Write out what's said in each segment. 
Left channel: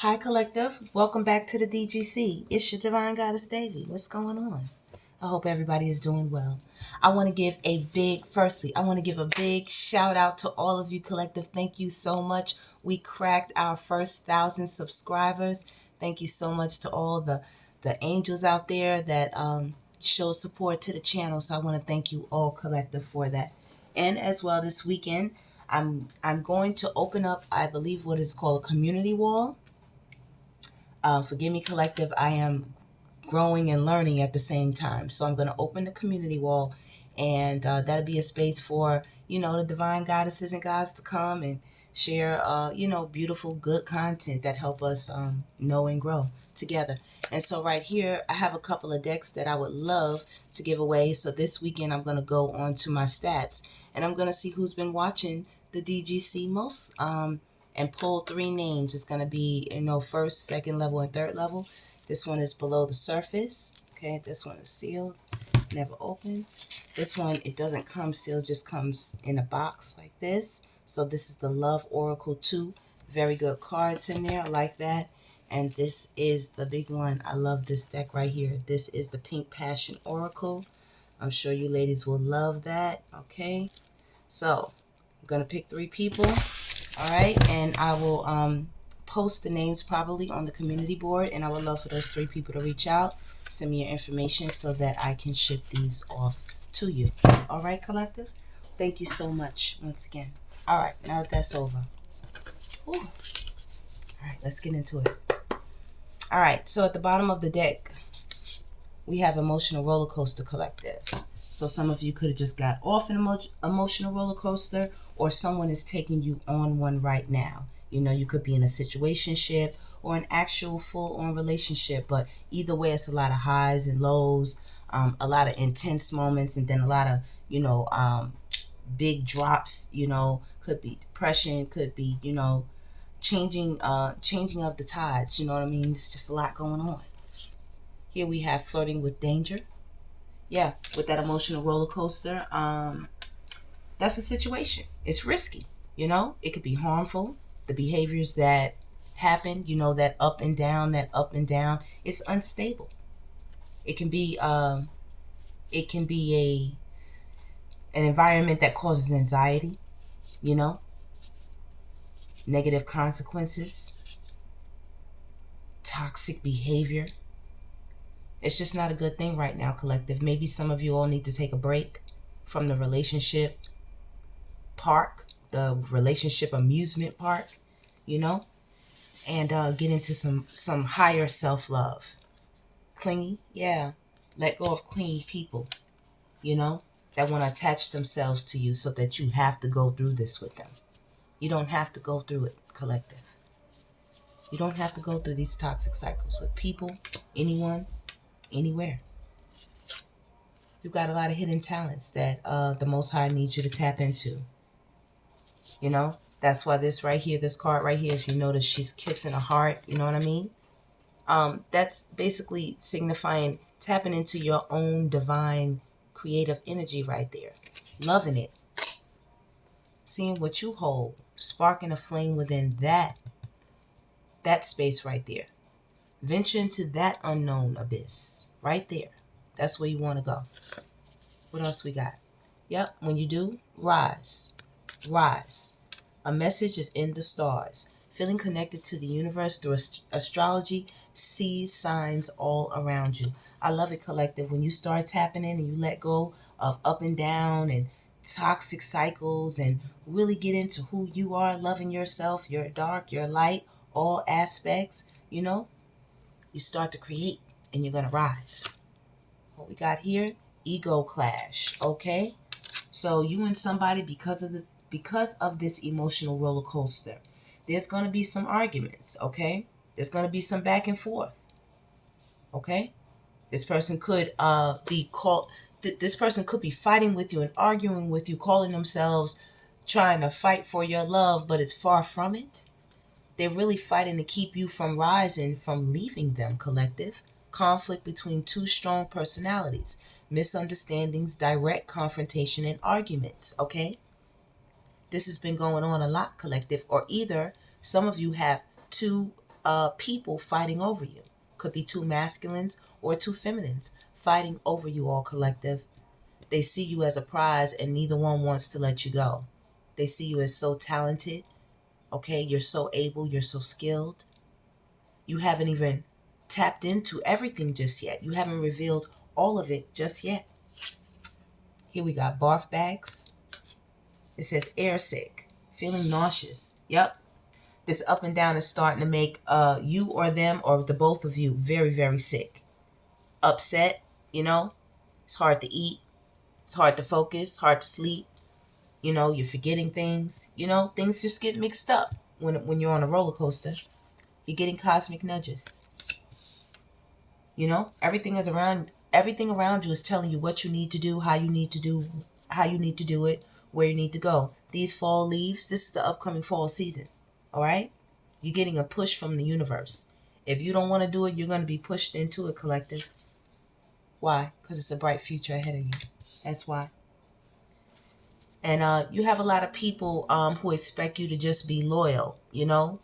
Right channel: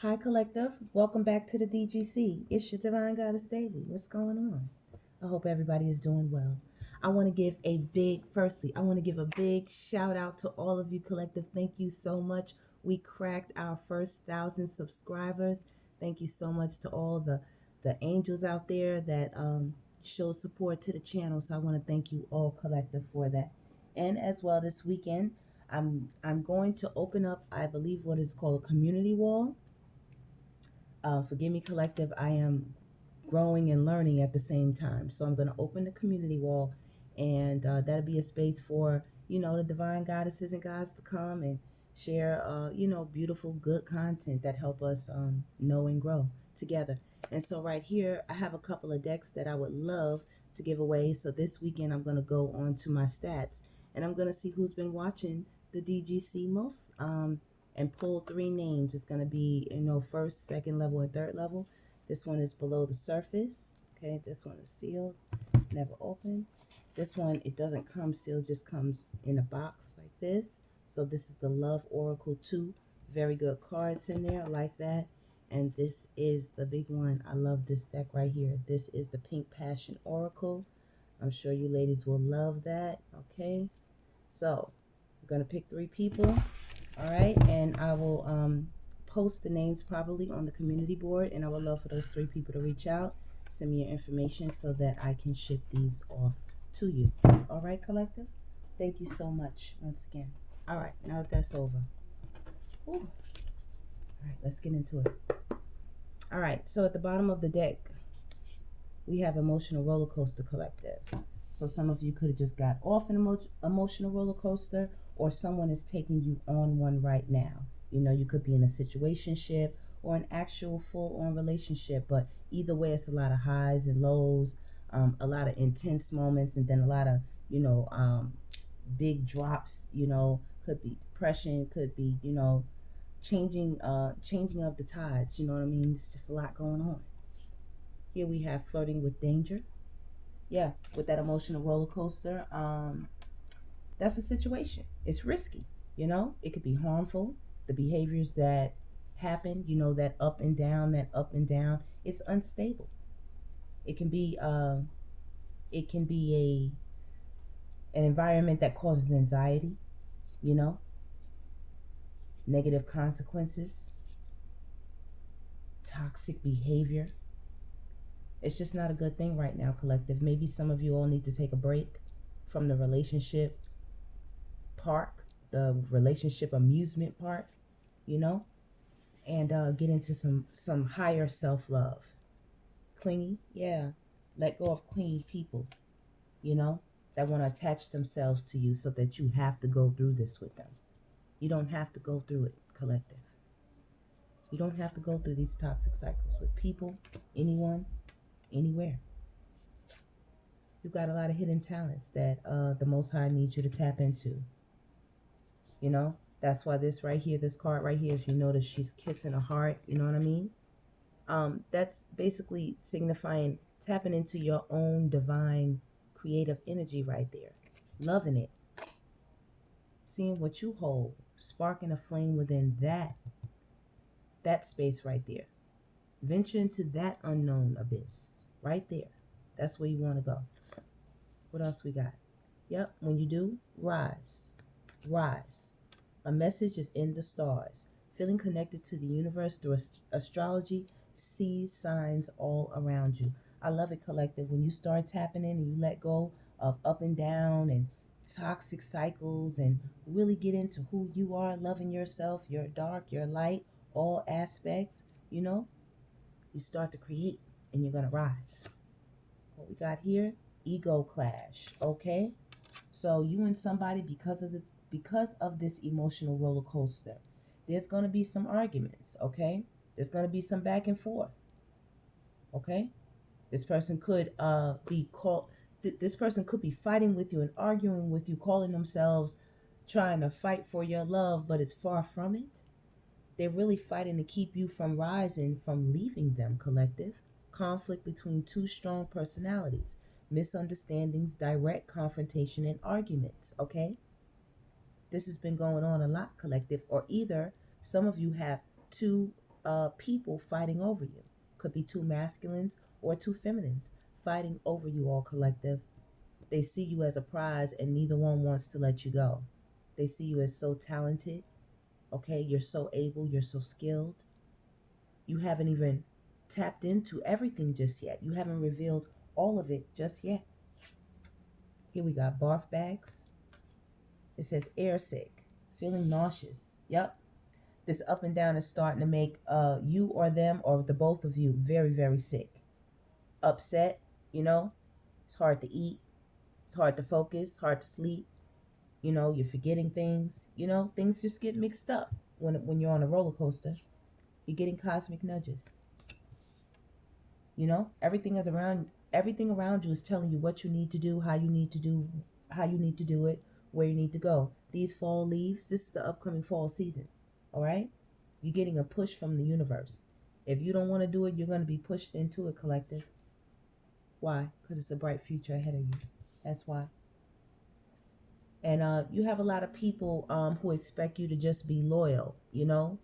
Hi, Collective. Welcome back to the DGC. It's your Divine Goddess Davy. What's going on? I hope everybody is doing well. Firstly, I want to give a big shout out to all of you, Collective. Thank you so much. We cracked our first 1,000 subscribers. Thank you so much to all the angels out there that show support to the channel. So I want to thank you all, Collective, for that. And as well, this weekend, I'm going to open up, I believe, what is called a community wall. Forgive me, Collective. I am growing and learning at the same time. So I'm going to open the community wall, and that'll be a space for, the divine goddesses and gods to come and share, beautiful, good content that help us know and grow together. And so right here, I have a couple of decks that I would love to give away. So this weekend, I'm going to go on to my stats, and I'm going to see who's been watching the DGC most. And pull 3 names. It's going to be, first, second level, and third level. This one is below the surface. Okay, this one is sealed, never opened. This one, it doesn't come sealed, just comes in a box like this. So this is the Love Oracle 2. Very good cards in there. I like that. And this is the big one. I love this deck right here. This is the Pink Passion Oracle. I'm sure you ladies will love that. Okay, so I'm going to pick 3 people. All right, and I will post the names probably on the community board, and I would love for those 3 people to reach out, send me your information so that I can ship these off to you. All right, Collective? Thank you so much once again. All right, now that that's over. Ooh. All right, let's get into it. All right, so at the bottom of the deck, we have Emotional Roller Coaster, Collective. So some of you could have just got off an emotional roller coaster, or someone is taking you on one right now. You could be in a situationship or an actual full-on relationship, but either way, it's a lot of highs and lows, a lot of intense moments, and then a lot of, big drops. Could be depression, could be, changing of the tides. You know what I mean? It's just a lot going on. Here we have Flirting with Danger. Yeah, with that emotional roller coaster, that's a situation. It's risky. It could be harmful. The behaviors that happen, that up and down, it's unstable. It can be an environment that causes anxiety, you know, negative consequences, toxic behavior. It's just not a good thing right now, Collective. Maybe some of you all need to take a break from the relationship park, the relationship amusement park, and get into some higher self-love. Clingy, yeah. Let go of clingy people, that want to attach themselves to you so that you have to go through this with them. You don't have to go through it, Collective. You don't have to go through these toxic cycles with people, anyone, anywhere. You've got a lot of hidden talents that the Most High needs you to tap into. That's why this card right here, if you notice, she's kissing a heart. You know what I mean? That's basically signifying tapping into your own divine creative energy right there. Loving it. Seeing what you hold. Sparking a flame within that space right there. Venture into that unknown abyss right there. That's where you want to go. What else we got? Yep, when you do, rise. Rise. A message is in the stars. Feeling connected to the universe through astrology, sees signs all around you. I love it, Collective. When you start tapping in and you let go of up and down and toxic cycles and really get into who you are, loving yourself, your dark, your light, all aspects, you start to create and you're going to rise. What we got here? Ego clash, okay? So you and somebody, because of this emotional roller coaster, there's going to be some arguments, okay? There's going to be some back and forth, okay? This person could this person could be fighting with you and arguing with you, calling themselves trying to fight for your love, but it's far from it. They're really fighting to keep you from rising, from leaving them, Collective. Conflict between 2 strong personalities. Misunderstandings, direct confrontation, and arguments, okay? This has been going on a lot, Collective. Or either some of you have 2 people fighting over you. Could be two masculines or two feminines fighting over you, all collective. They see you as a prize and neither one wants to let you go. They see you as so talented. Okay, you're so able, you're so skilled. You haven't even tapped into everything just yet. You haven't revealed all of it just yet. Here we got barf bags. It says air sick, feeling nauseous. Yep. This up and down is starting to make you or them or the both of you very, very sick. Upset, you know. It's hard to eat. It's hard to focus, hard to sleep. You know, you're forgetting things. You know, things just get mixed up when you're on a roller coaster. You're getting cosmic nudges. You know, everything around you is telling you what you need to do, how you need to do it, where you need to go. These fall leaves, this is the upcoming fall season. All right? You're getting a push from the universe. If you don't want to do it, you're going to be pushed into it, collective. Why? Because it's a bright future ahead of you. That's why. And you have a lot of people who expect you to just be loyal, you know,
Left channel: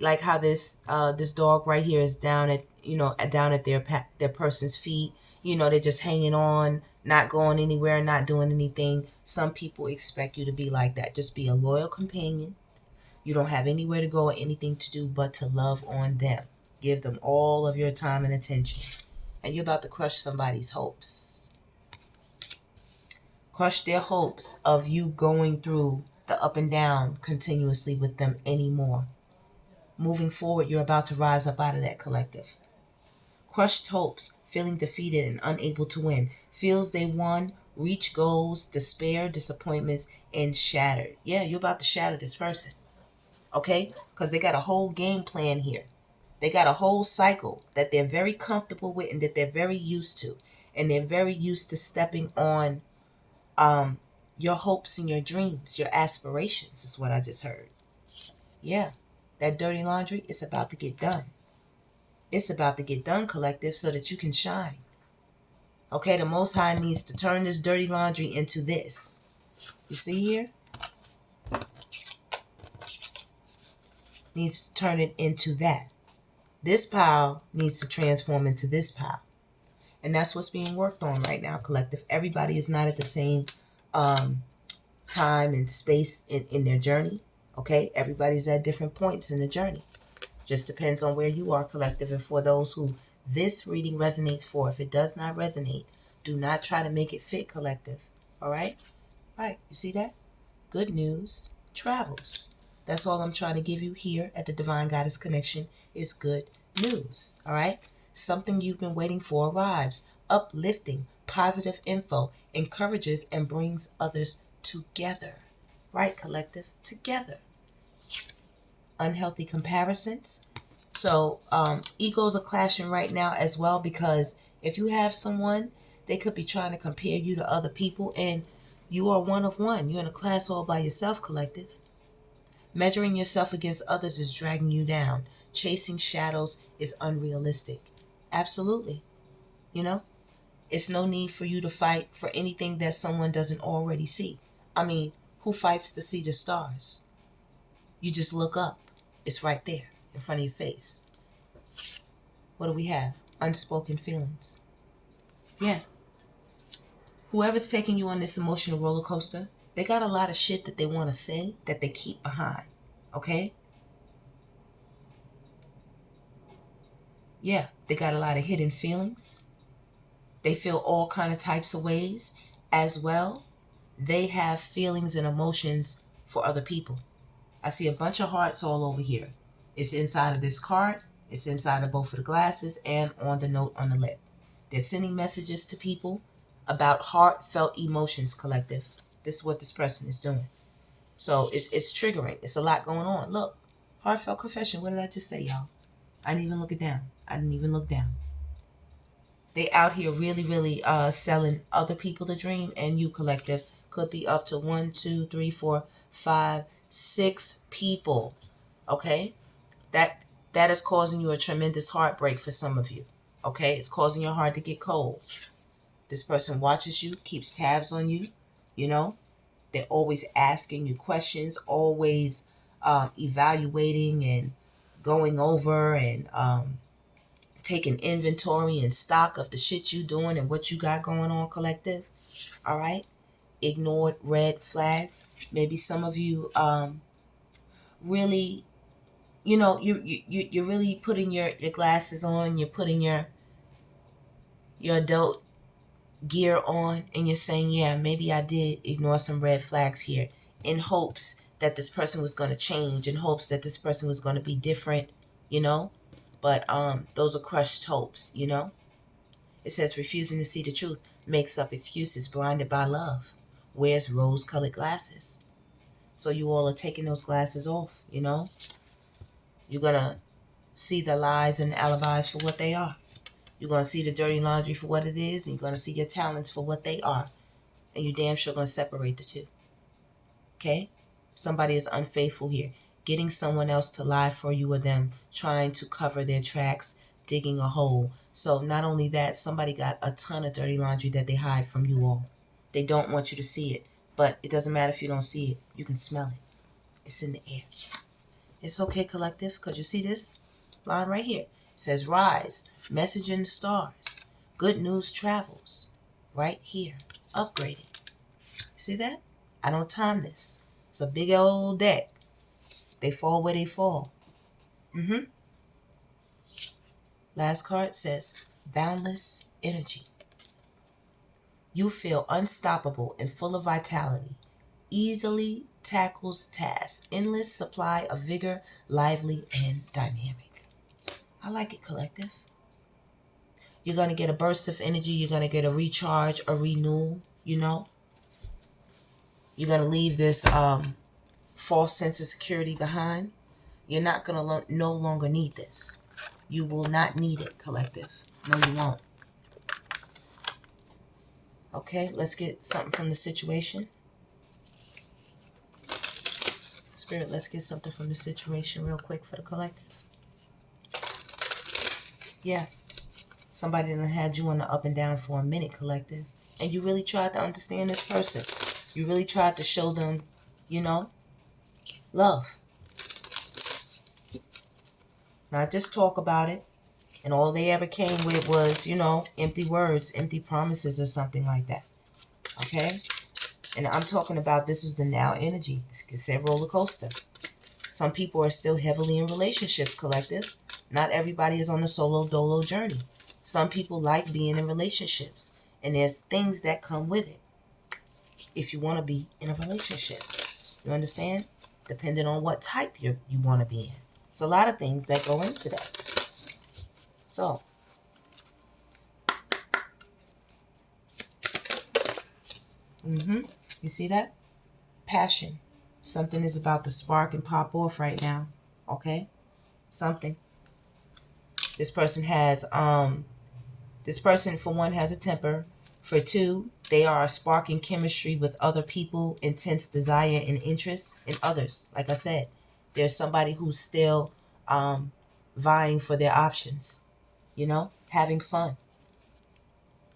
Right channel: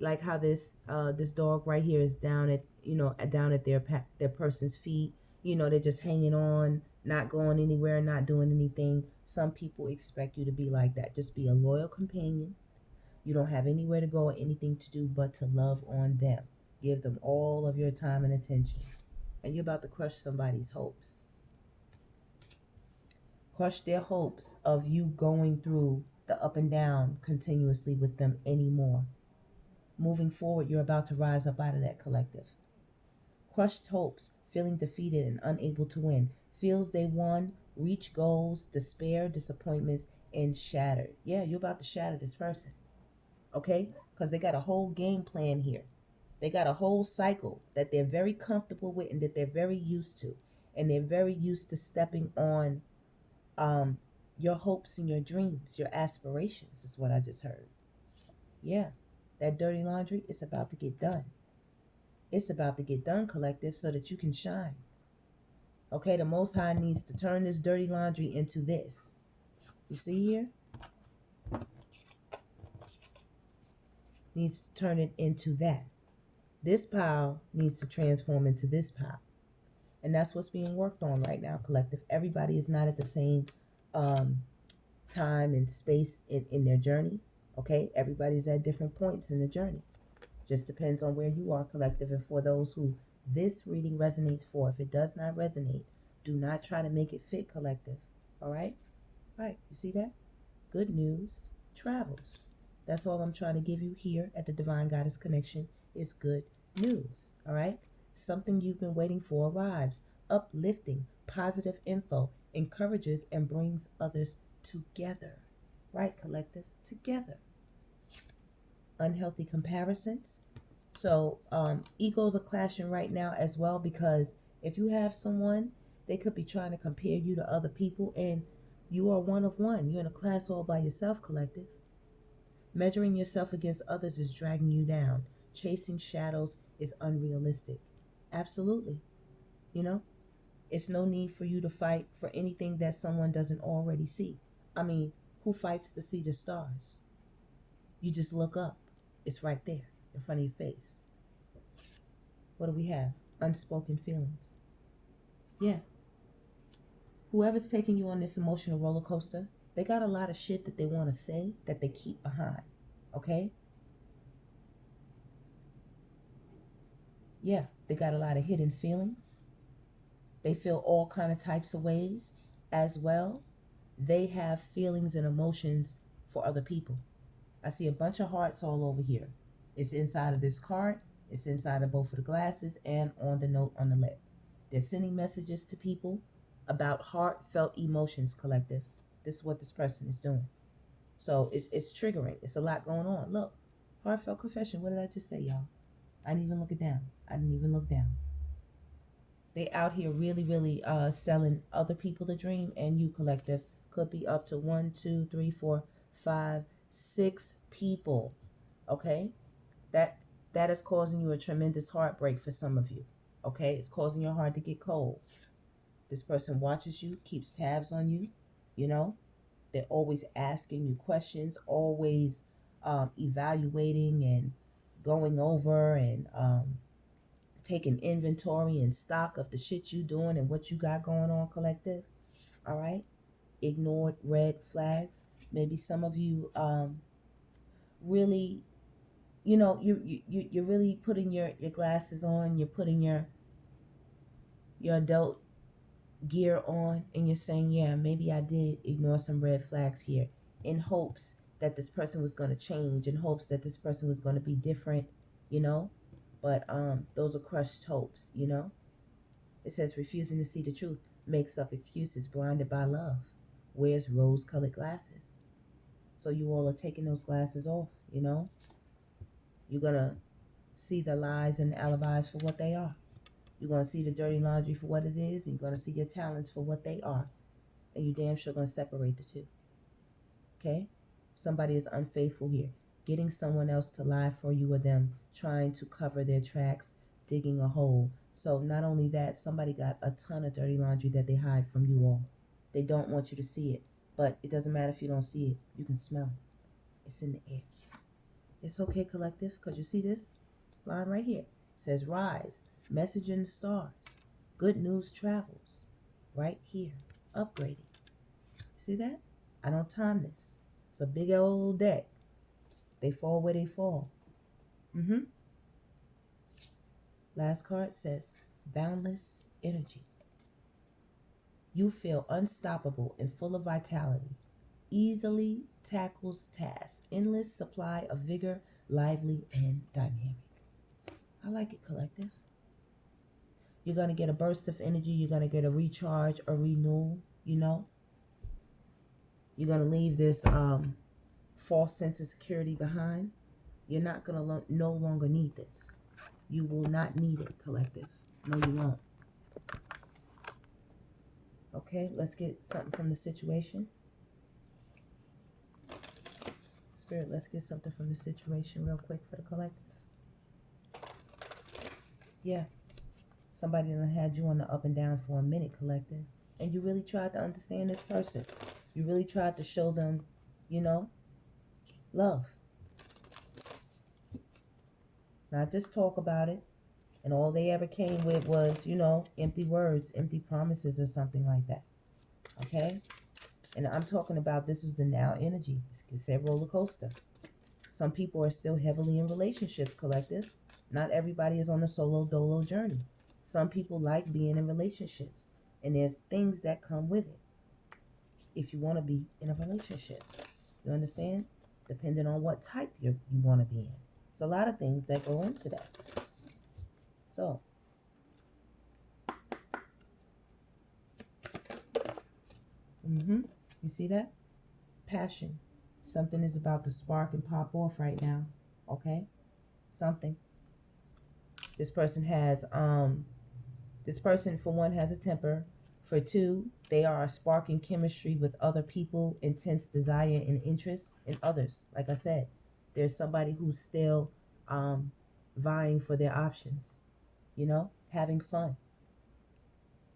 like how this dog right here is down at their person's feet. You know, they're just hanging on, not going anywhere, not doing anything. Some people expect you to be like that. Just be a loyal companion. You don't have anywhere to go or anything to do but to love on them. Give them all of your time and attention. And you're about to crush somebody's hopes. Crush their hopes of you going through the up and down continuously with them anymore. Moving forward, you're about to rise up out of that, collective. Crushed hopes, feeling defeated and unable to win. Feels they won, reach goals, despair, disappointments, and shattered. Yeah, you're about to shatter this person. Okay? Because they got a whole game plan here. They got a whole cycle that they're very comfortable with and that they're very used to. And they're very used to stepping on your hopes and your dreams, your aspirations is what I just heard. Yeah, that dirty laundry is about to get done. It's about to get done, collective, so that you can shine. Okay, the Most High needs to turn this dirty laundry into this. You see here? Needs to turn it into that. This pile needs to transform into this pile. And that's what's being worked on right now, collective. Everybody is not at the same time and space in their journey. Okay, everybody's at different points in the journey. Just depends on where you are, collective. And for those who this reading resonates for, if it does not resonate, do not try to make it fit, collective. All right? All right, you see that? Good news travels. That's all I'm trying to give you here at the Divine Goddess Connection is good news. All right? Something you've been waiting for arrives. Uplifting, positive info encourages and brings others together. Right, collective? Together. Unhealthy comparisons. So egos are clashing right now as well, because if you have someone, they could be trying to compare you to other people, and you are one of one. You're in a class all by yourself, collective. Measuring yourself against others is dragging you down. Chasing shadows is unrealistic. Absolutely. You know, it's no need for you to fight for anything that someone doesn't already see. I mean, who fights to see the stars? You just look up. It's right there in front of your face. What do we have? Unspoken feelings. Yeah. Whoever's taking you on this emotional roller coaster, they got a lot of shit that they want to say that they keep behind. Okay? Yeah, they got a lot of hidden feelings. They feel all kind of types of ways. As well, they have feelings and emotions for other people. I see a bunch of hearts all over here. It's inside of this card. It's inside of both of the glasses and on the note on the lip. They're sending messages to people about heartfelt emotions, collective. This is what this person is doing. So it's triggering. It's a lot going on. Look, heartfelt confession. What did I just say, y'all? I didn't even look it down. I didn't even look down. They out here really, really selling other people the dream, and you, collective, could be up to 1, 2, 3, 4, 5, 6 people. Okay? That is causing you a tremendous heartbreak for some of you. Okay? It's causing your heart to get cold. This person watches you, keeps tabs on you, you know? They're always asking you questions, always evaluating and going over and taking inventory and stock of the shit you doing and what you got going on, collective. All right. Ignored red flags. Maybe some of you really, you're really putting your glasses on. You're putting your adult gear on, and you're saying, yeah, maybe I did ignore some red flags here, in hopes that this person was going to change, in hopes that this person was going to be different, but those are crushed hopes. It says refusing to see the truth, makes up excuses, blinded by love, wears rose-colored glasses. So you all are taking those glasses off. You're going to see the lies and alibis for what they are. You're going to see the dirty laundry for what it is, and you're going to see your talents for what they are. And you damn sure going to separate the two. Okay? Somebody is unfaithful here. Getting someone else to lie for you or them, trying to cover their tracks, digging a hole. So not only that, somebody got a ton of dirty laundry that they hide from you all. They don't want you to see it. But it doesn't matter if you don't see it. You can smell it. It's in the air. It's okay, collective, because you see this line right here. It says, rise, message in the stars. Good news travels. Right here. Upgraded. See that? I don't time this. It's a big old deck. They fall where they fall. Last card says, boundless energy. You feel unstoppable and full of vitality. Easily tackles tasks. Endless supply of vigor, lively and dynamic. I like it, collective. You're going to get a burst of energy. You're going to get a recharge, a renewal, You're going to leave this false sense of security behind. You're not going to no longer need this. You will not need it, collective. No, you won't. Okay, let's get something from the situation. Spirit, let's get something from the situation real quick for the collective. Yeah. Somebody done had you on the up and down for a minute, collective. And you really tried to understand this person. You really tried to show them, love. Not just talk about it. And all they ever came with was, empty words, empty promises or something like that. Okay? And I'm talking about this is the now energy. It's a roller coaster. Some people are still heavily in relationships, collective. Not everybody is on a solo dolo journey. Some people like being in relationships. And there's things that come with it if you want to be in a relationship. You understand? Depending on what type you want to be in. It's a lot of things that go into that. So, you see that? Passion. Something is about to spark and pop off right now. Okay? Something. This person has, for one, has a temper. For two, they are sparking chemistry with other people, intense desire and interest in others. Like I said, there's somebody who's still vying for their options, having fun.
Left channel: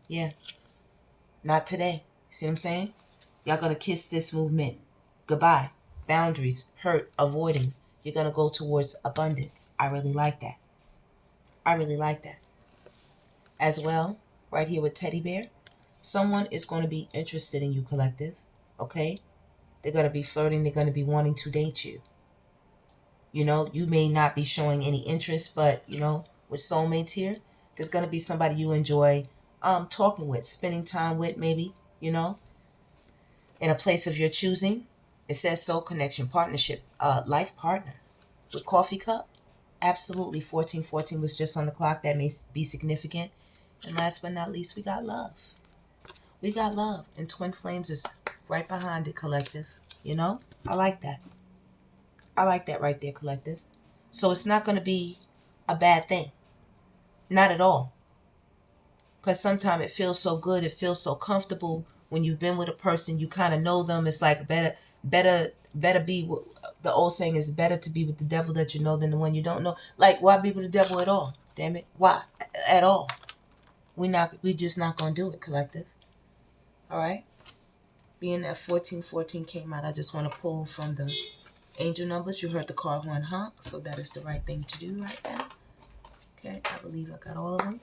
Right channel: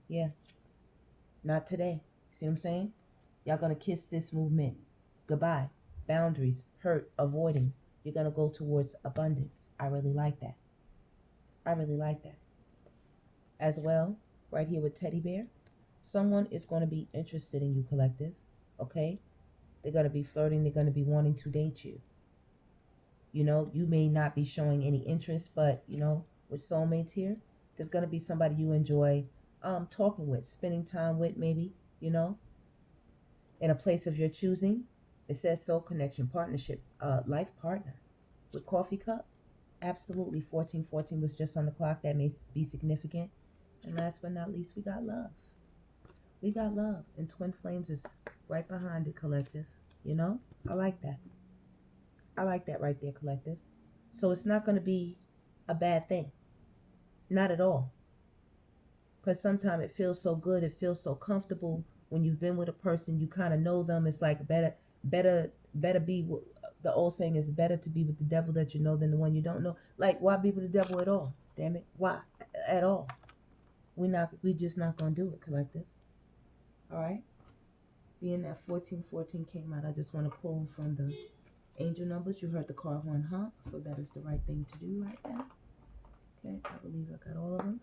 Yeah. Not today. See what I'm saying? Y'all gonna kiss this movement goodbye. Boundaries, hurt, avoiding. You're gonna go towards abundance. I really like that. I really like that. As well, right here with Teddy Bear, someone is going to be interested in you, collective. Okay? They're going to be flirting. They're going to be wanting to date you. You may not be showing any interest, but, with soulmates here, there's going to be somebody you enjoy talking with, spending time with, maybe, in a place of your choosing. It says soul connection, partnership, life partner. With coffee cup, absolutely 1414 was just on the clock. That may be significant. And last but not least, we got love. We got love. And Twin Flames is right behind it, collective. I like that. I like that right there, collective. So it's not going to be a bad thing. Not at all. Because sometimes it feels so good. It feels so comfortable when you've been with a person. You kind of know them. It's like better be, the old saying is better to be with the devil that you know than the one you don't know. Like, why be with the devil at all? Damn it. Why? At all. We just not going to do it, collective. All right? Being that 1414 came out, I just want to pull from the Angel numbers, you heard the car horn honk, so that is the right thing to do right now. Okay, I believe I got all of them.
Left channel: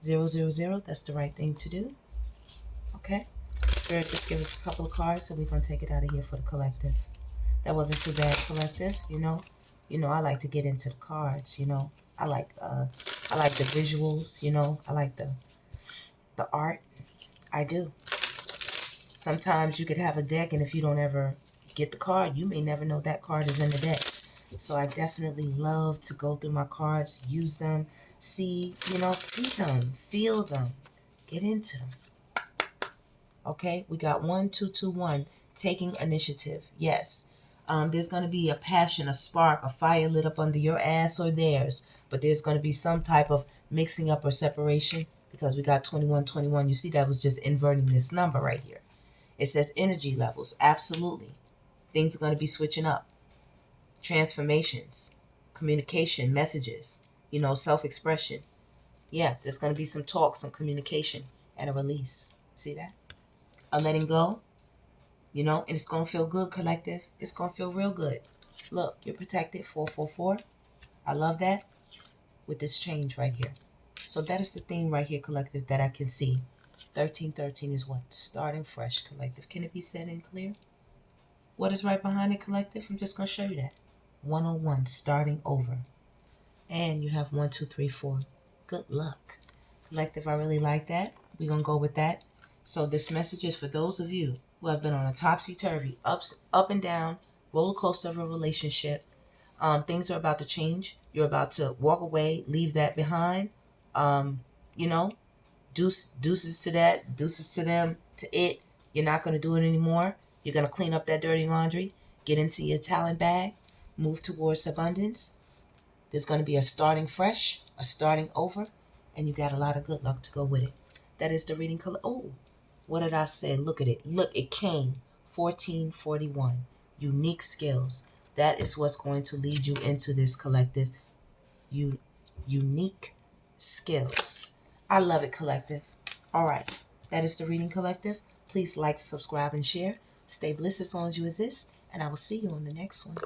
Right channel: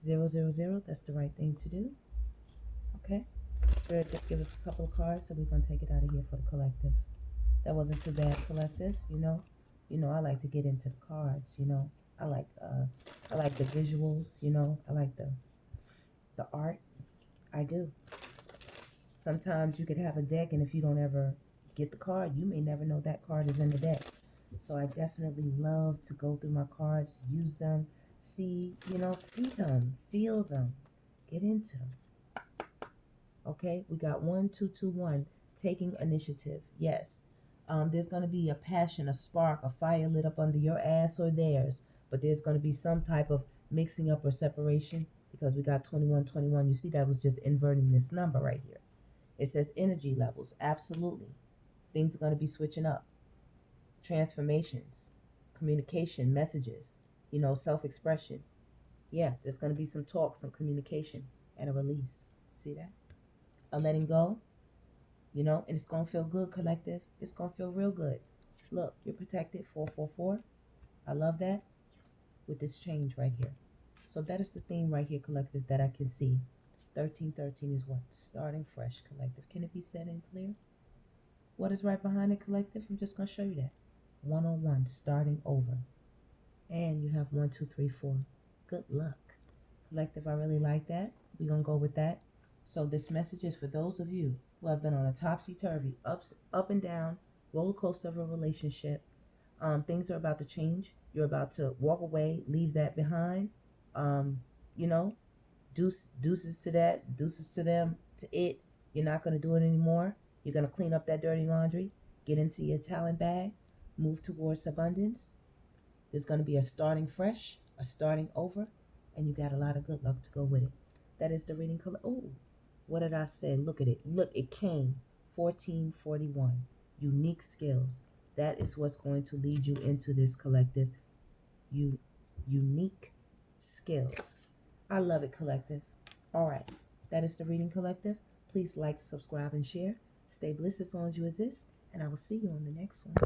000, that's the right thing to do. Okay, Spirit, just give us a couple of cards, so we're going to take it out of here for the collective. That wasn't too bad, collective, you know. You know, I like to get into the cards, you know. I like the visuals, you know. I like the art. I do. Sometimes you could have a deck, and if you don't ever get the card, you may never know that card is in the deck. So I definitely love to go through my cards, use them, see them, feel them, get into them. Okay, we got 1, 2, 2, 1, taking initiative. Yes. There's going to be a passion, a spark, a fire lit up under your ass or theirs, but there's going to be some type of mixing up or separation because we got 21, 21. You see, that was just inverting this number right here. It says energy levels. Absolutely. Things are going to be switching up. Transformations, communication, messages, you know, self-expression. Yeah, there's going to be some talk, some communication, and a release. See that? A letting go, you know, and it's going to feel good, collective. It's going to feel real good. Look, you're protected, 444. I love that with this change right here. So that is the theme right here, collective, that I can see. 1313 is what? Starting fresh, collective. Can it be said and clear? What is right behind it, collective? I'm just going to show you that. 101, starting over. And you have 1, 2, 3, 4. Good luck. Collective, I really like that. We're going to go with that. So this message is for those of you who have been on a topsy-turvy, up and down, roller coaster of a relationship. Things are about to change. You're about to walk away, leave that behind. You know, deuces to that, deuces to them, to it. You're not going to do it anymore. You're going to clean up that dirty laundry, get into your talent bag, move towards abundance. There's going to be a starting fresh, a starting over, and you got a lot of good luck to go with it. That is the reading color. Oh, what did I say? Look at it. Look, it came. 1441. Unique skills. That is what's going to lead you into this collective. Unique skills. I love it, collective. All right. That is the reading collective. Please like, subscribe, and share. Stay blessed as long as you exist, and I will see you on the next one.